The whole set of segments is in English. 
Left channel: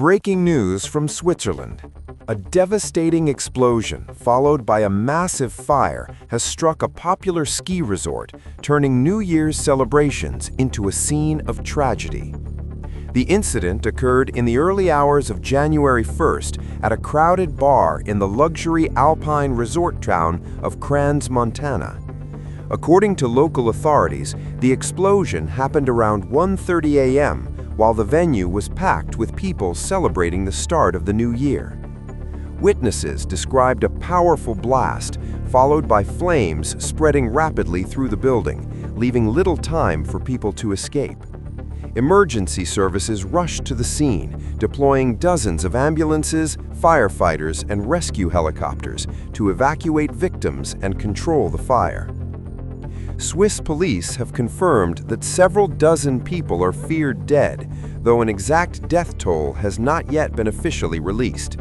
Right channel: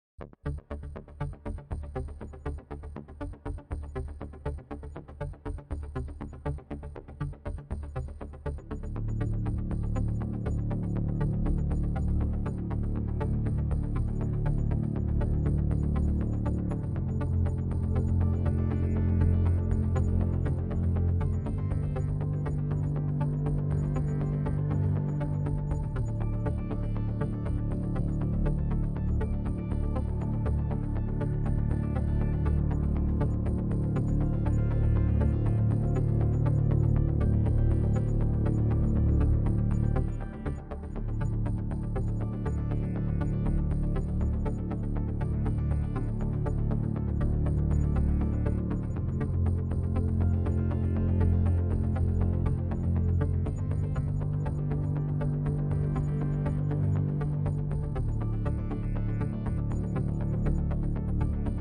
Breaking news from Switzerland. A devastating explosion, followed by a massive fire, has struck a popular ski resort, turning New Year's celebrations into a scene of tragedy. The incident occurred in the early hours of January 1st at a crowded bar in the luxury alpine resort town of Crans, Montana. According to local authorities, the explosion happened around 1:30 a.m., while the venue was packed with people celebrating the start of the new year. Witnesses described a powerful blast, followed by flames spreading rapidly through the building, leaving little time for people to escape. Emergency services rushed to the scene, deploying dozens of ambulances, firefighters, and rescue helicopters to evacuate victims and control the fire. Swiss police have confirmed that several dozen people are feared dead, though an exact death toll has not yet been officially released.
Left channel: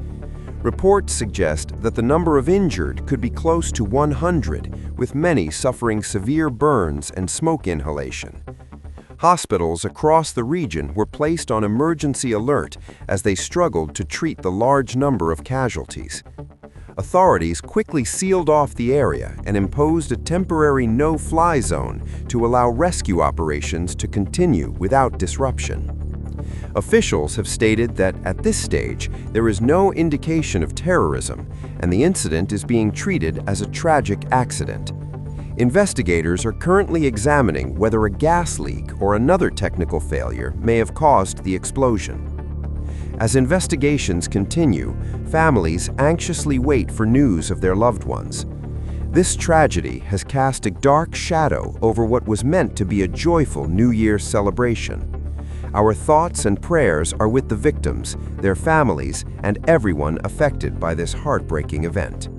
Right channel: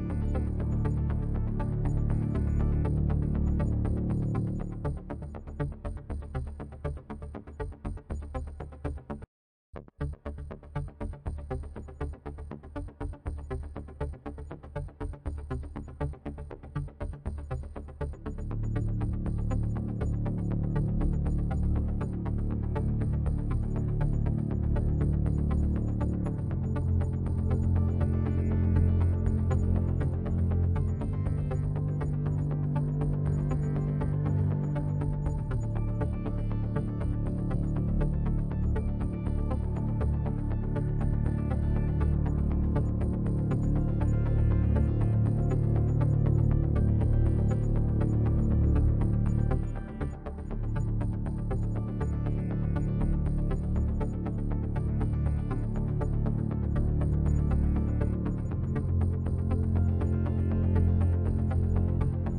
Reports suggest that the number of injured could be close to 100, with many suffering severe burns and smoke inhalation. Hospitals across the region were placed on emergency alert as they struggled to treat the large number of casualties. Authorities quickly sealed off the area and imposed a temporary no-fly zone to allow rescue operations to continue without disruption. Officials have stated that at this stage, there is no indication of terrorism, and the incident is being treated as a tragic accident. Investigators are currently examining whether a gas leak or another technical failure may have caused the explosion. As investigations continue, families anxiously wait for news of their loved ones. This tragedy has cast a dark shadow over what was meant to be a joyful New Year's celebration. Our thoughts and prayers are with the victims, their families, and everyone affected by this heartbreaking event.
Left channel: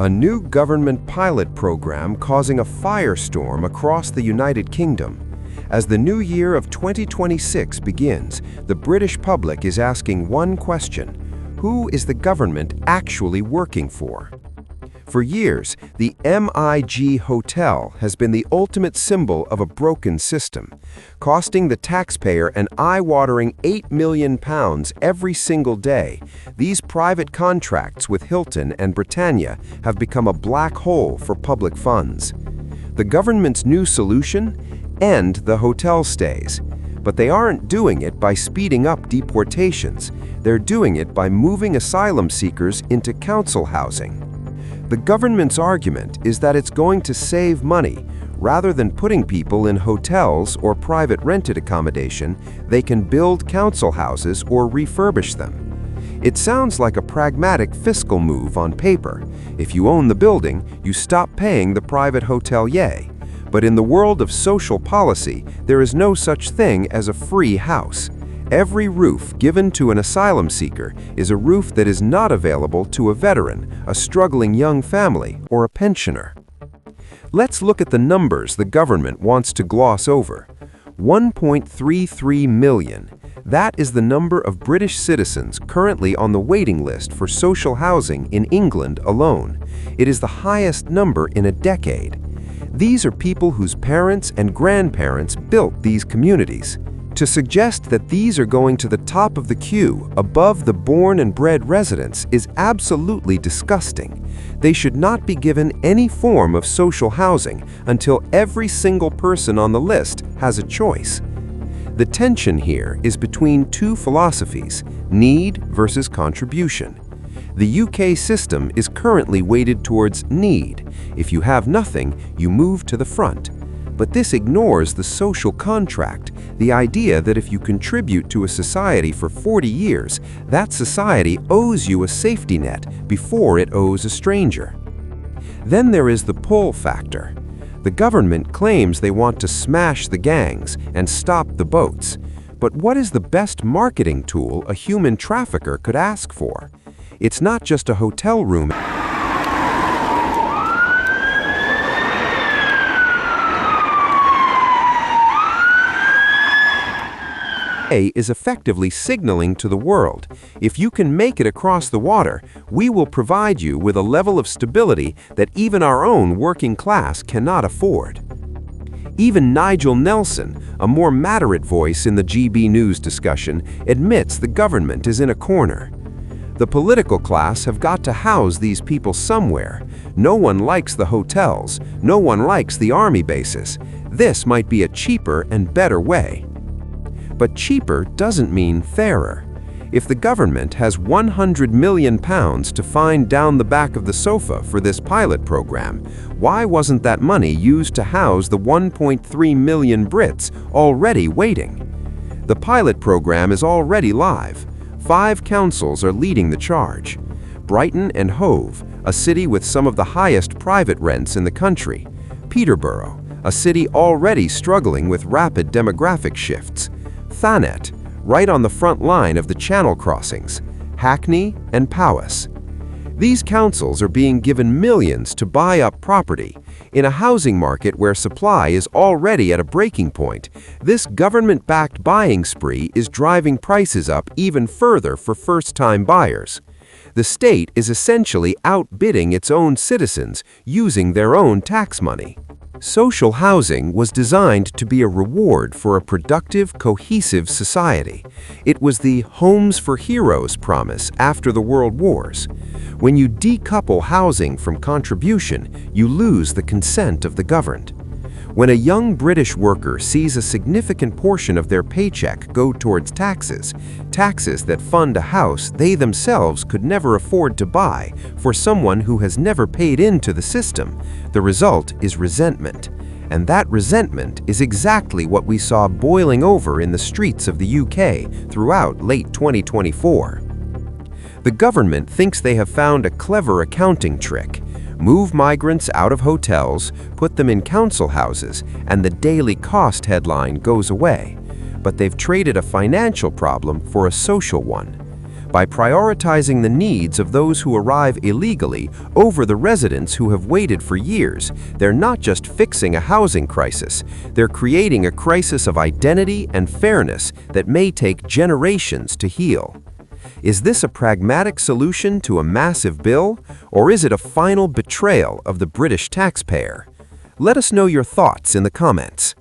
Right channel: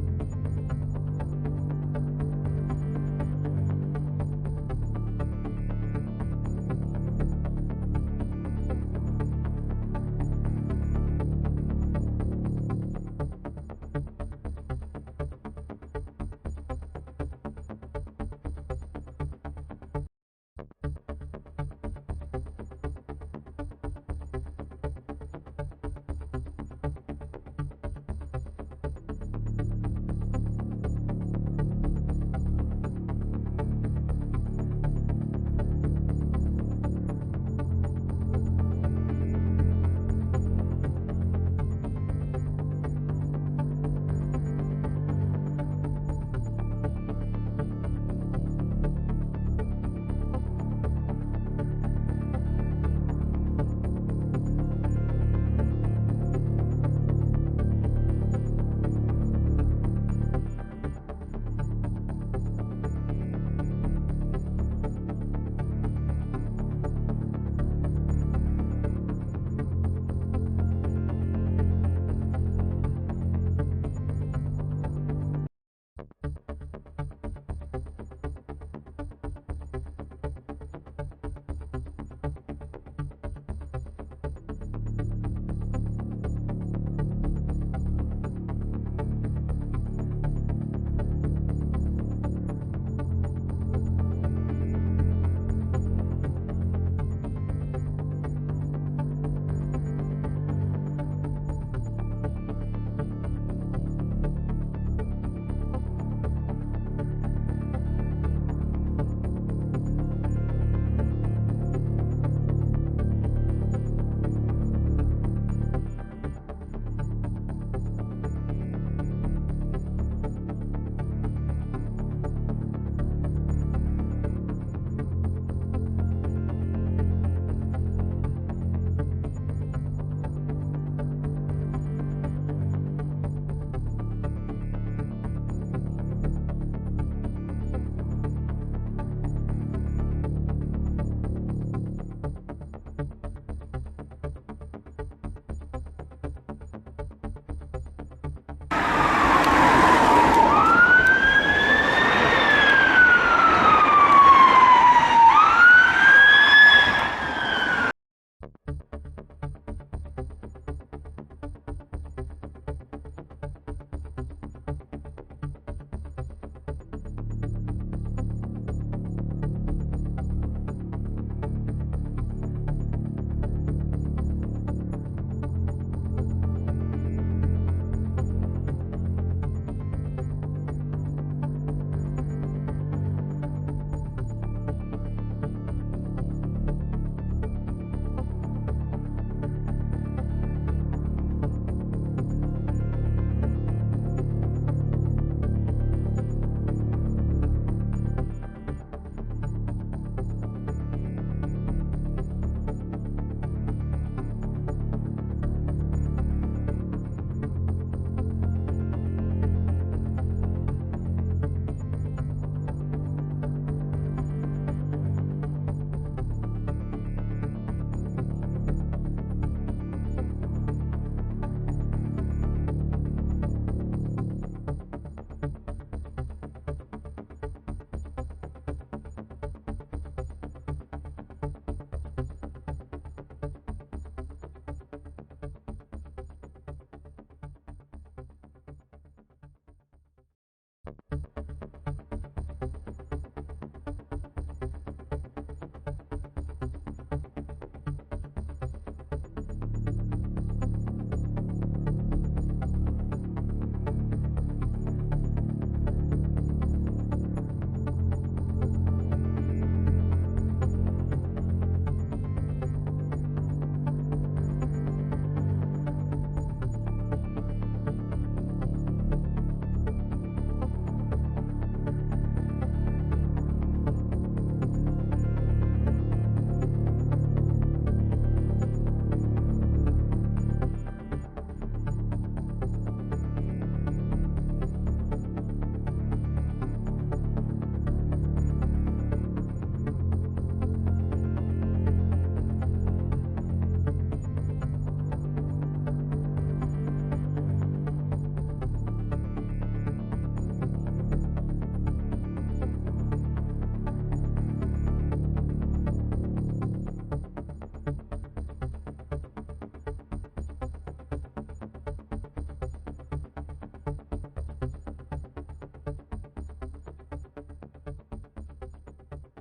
A new government pilot program causing a firestorm across the United Kingdom. As the new year of 2026 begins, the British public is asking one question: who is the government actually working for? For years, the MIG Hotel has been the ultimate symbol of a broken system, costing the taxpayer an eye-watering £8 million every single day. These private contracts with Hilton and Britannia have become a black hole for public funds. The government's new solution? End the hotel stays. But they aren't doing it by speeding up deportations. They're doing it by moving asylum seekers into council housing. The government's argument is that it's going to save money. Rather than putting people in hotels or private rented accommodation, they can build council houses or refurbish them. It sounds like a pragmatic fiscal move on paper. If you own the building, you stop paying the private hotelier. But in the world of social policy, there is no such thing as a free house. Every roof given to an asylum seeker is a roof that is not available to a veteran, a struggling young family, or a pensioner. Let's look at the numbers the government wants to gloss over. 1.33 million. That is the number of British citizens currently on the waiting list for social housing in England alone. It is the highest number in a decade. These are people whose parents and grandparents built these communities. To suggest that these are going to the top of the queue, above the born and bred residents, is absolutely disgusting. They should not be given any form of social housing until every single person on the list has a choice. The tension here is between two philosophies: need versus contribution. The UK system is currently weighted towards need. If you have nothing, you move to the front. But this ignores the social contract, the idea that if you contribute to a society for 40 years, that society owes you a safety net before it owes a stranger. Then there is the pull factor. The government claims they want to smash the gangs and stop the boats. But what is the best marketing tool a human trafficker could ask for? It's not just a hotel room. Is effectively signaling to the world, if you can make it across the water, we will provide you with a level of stability that even our own working class cannot afford. Even Nigel Nelson, a more moderate voice in the DRE-News discussion, admits the government is in a corner. The political class have got to house these people somewhere. No one likes the hotels. No one likes the army bases. This might be a cheaper and better way. But cheaper doesn't mean fairer. If the government has £100 million to find down the back of the sofa for this pilot program, why wasn't that money used to house the 1.3 million Brits already waiting? The pilot program is already live. 5 councils are leading the charge. Brighton and Hove, a city with some of the highest private rents in the country. Peterborough, a city already struggling with rapid demographic shifts. Thanet, right on the front line of the Channel crossings. Hackney and Powys. These councils are being given millions to buy up property. In a housing market where supply is already at a breaking point, this government-backed buying spree is driving prices up even further for first-time buyers. The state is essentially outbidding its own citizens using their own tax money. Social housing was designed to be a reward for a productive, cohesive society. It was the Homes for Heroes promise after the World Wars. When you decouple housing from contribution, you lose the consent of the governed. When a young British worker sees a significant portion of their paycheck go towards taxes that fund a house they themselves could never afford to buy for someone who has never paid into the system, the result is resentment. And that resentment is exactly what we saw boiling over in the streets of the UK throughout late 2024. The government thinks they have found a clever accounting trick. Move migrants out of hotels, put them in council houses, and the daily cost headline goes away. But they've traded a financial problem for a social one. By prioritizing the needs of those who arrive illegally over the residents who have waited for years, they're not just fixing a housing crisis, they're creating a crisis of identity and fairness that may take generations to heal. Is this a pragmatic solution to a massive bill, or is it a final betrayal of the British taxpayer? Let us know your thoughts in the comments.